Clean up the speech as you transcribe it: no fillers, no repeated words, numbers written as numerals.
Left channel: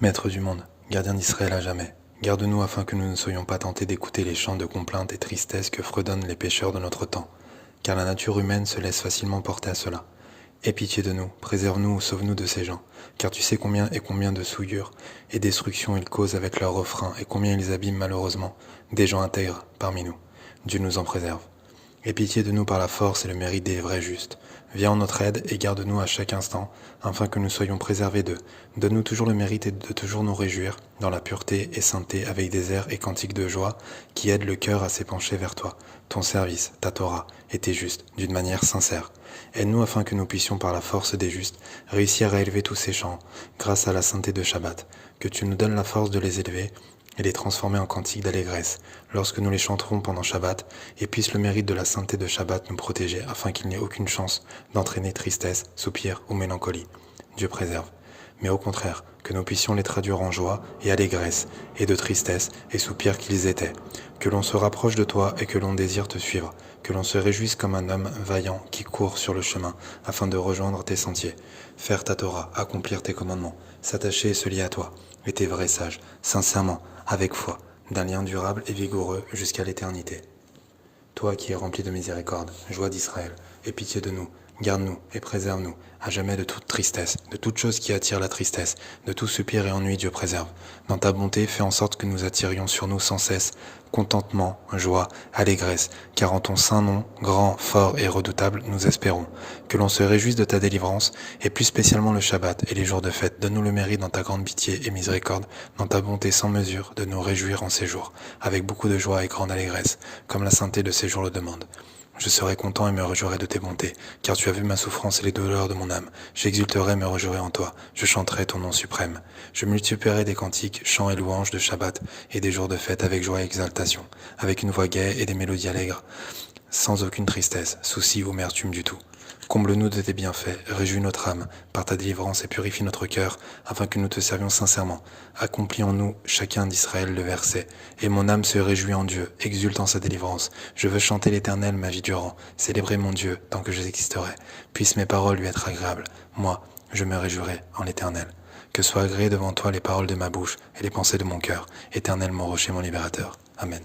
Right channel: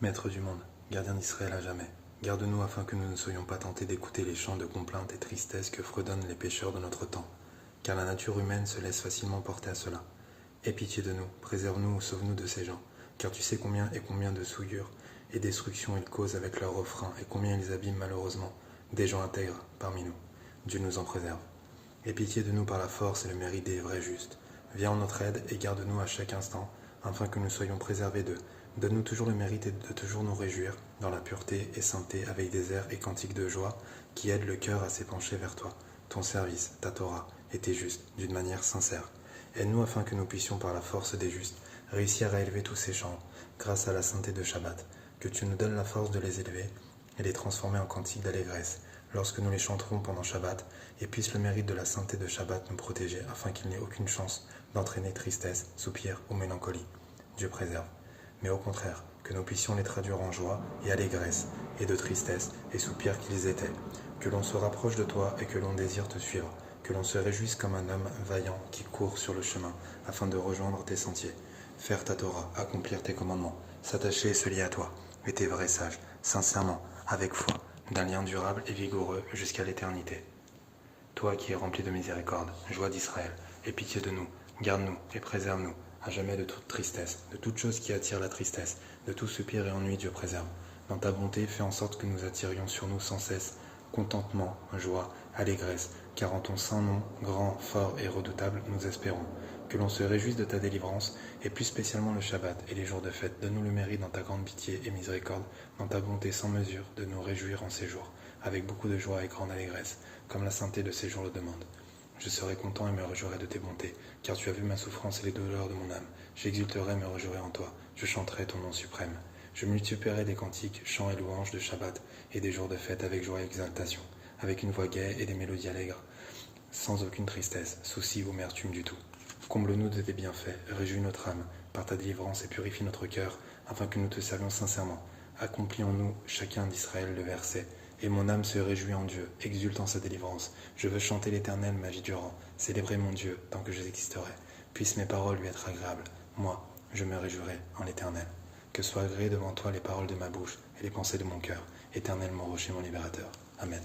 Maître du monde, gardien d'Israël à jamais, garde-nous afin que nous ne soyons pas tentés d'écouter les chants de complainte et tristesse que fredonnent les pécheurs de notre temps, car la nature humaine se laisse facilement porter à cela. Aie pitié de nous, préserve-nous ou sauve-nous de ces gens, car tu sais combien de souillures et destructions ils causent avec leurs refrains et combien ils abîment malheureusement des gens intègres parmi nous. Dieu nous en préserve. Aie pitié de nous par la force et le mérite des vrais justes. Viens en notre aide et garde-nous à chaque instant, afin que nous soyons préservés d'eux. Donne-nous toujours le mérite de toujours nous réjouir, dans la pureté et sainteté, avec des airs et cantiques de joie, qui aident le cœur à s'épancher vers toi, ton service, ta Torah, et tes justes, d'une manière sincère. Aide-nous afin que nous puissions, par la force des justes, réussir à élever tous ces chants, grâce à la sainteté de Shabbat, que tu nous donnes la force de les élever, et les transformer en cantiques d'allégresse, lorsque nous les chanterons pendant Shabbat, et puisse le mérite de la sainteté de Shabbat nous protéger, afin qu'il n'y ait aucune chance d'entraîner tristesse, soupir ou mélancolie. Dieu préserve. Mais au contraire, que nous puissions les traduire en joie et allégresse, et de tristesse et soupir qu'ils étaient. Que l'on se rapproche de toi et que l'on désire te suivre. Que l'on se réjouisse comme un homme vaillant qui court sur le chemin, afin de rejoindre tes sentiers. Faire ta Torah, accomplir tes commandements, s'attacher et se lier à toi, et tes vrais sages, sincèrement, avec foi, d'un lien durable et vigoureux jusqu'à l'éternité. Toi qui es rempli de miséricorde, joie d'Israël, aie pitié de nous, garde-nous et préserve-nous, à jamais de toute tristesse, de toute chose qui attire la tristesse, de tout soupir et ennui, Dieu préserve. Dans ta bonté, fais en sorte que nous attirions sur nous sans cesse contentement, joie, allégresse, car en ton saint nom, grand, fort et redoutable, nous espérons. Que l'on se réjouisse de ta délivrance, et plus spécialement le Shabbat et les jours de fête. Donne-nous le mérite dans ta grande pitié et miséricorde, dans ta bonté sans mesure, de nous réjouir en ces jours, avec beaucoup de joie et grande allégresse, comme la sainteté de ces jours le demande. Je serai content et me réjouirai de tes bontés, car tu as vu ma souffrance et les douleurs de mon âme. J'exulterai et me réjouirai en toi, je chanterai ton nom suprême. Je multiplierai des cantiques, chants et louanges de Shabbat et des jours de fête avec joie et exaltation, avec une voix gaie et des mélodies allègres, sans aucune tristesse, souci ou amertume du tout. Comble-nous de tes bienfaits, réjouis notre âme par ta délivrance et purifie notre cœur, afin que nous te servions sincèrement. Accomplis en nous, chacun d'Israël, le verset. Et mon âme se réjouit en Dieu, exulte en sa délivrance. Je veux chanter l'Éternel ma vie durant, célébrer mon Dieu tant que j'existerai. Puissent mes paroles lui être agréables. Moi, je me réjouirai en l'Éternel. Que soient agréées devant toi les paroles de ma bouche et les pensées de mon cœur. Éternel, mon rocher, mon libérateur. Amen.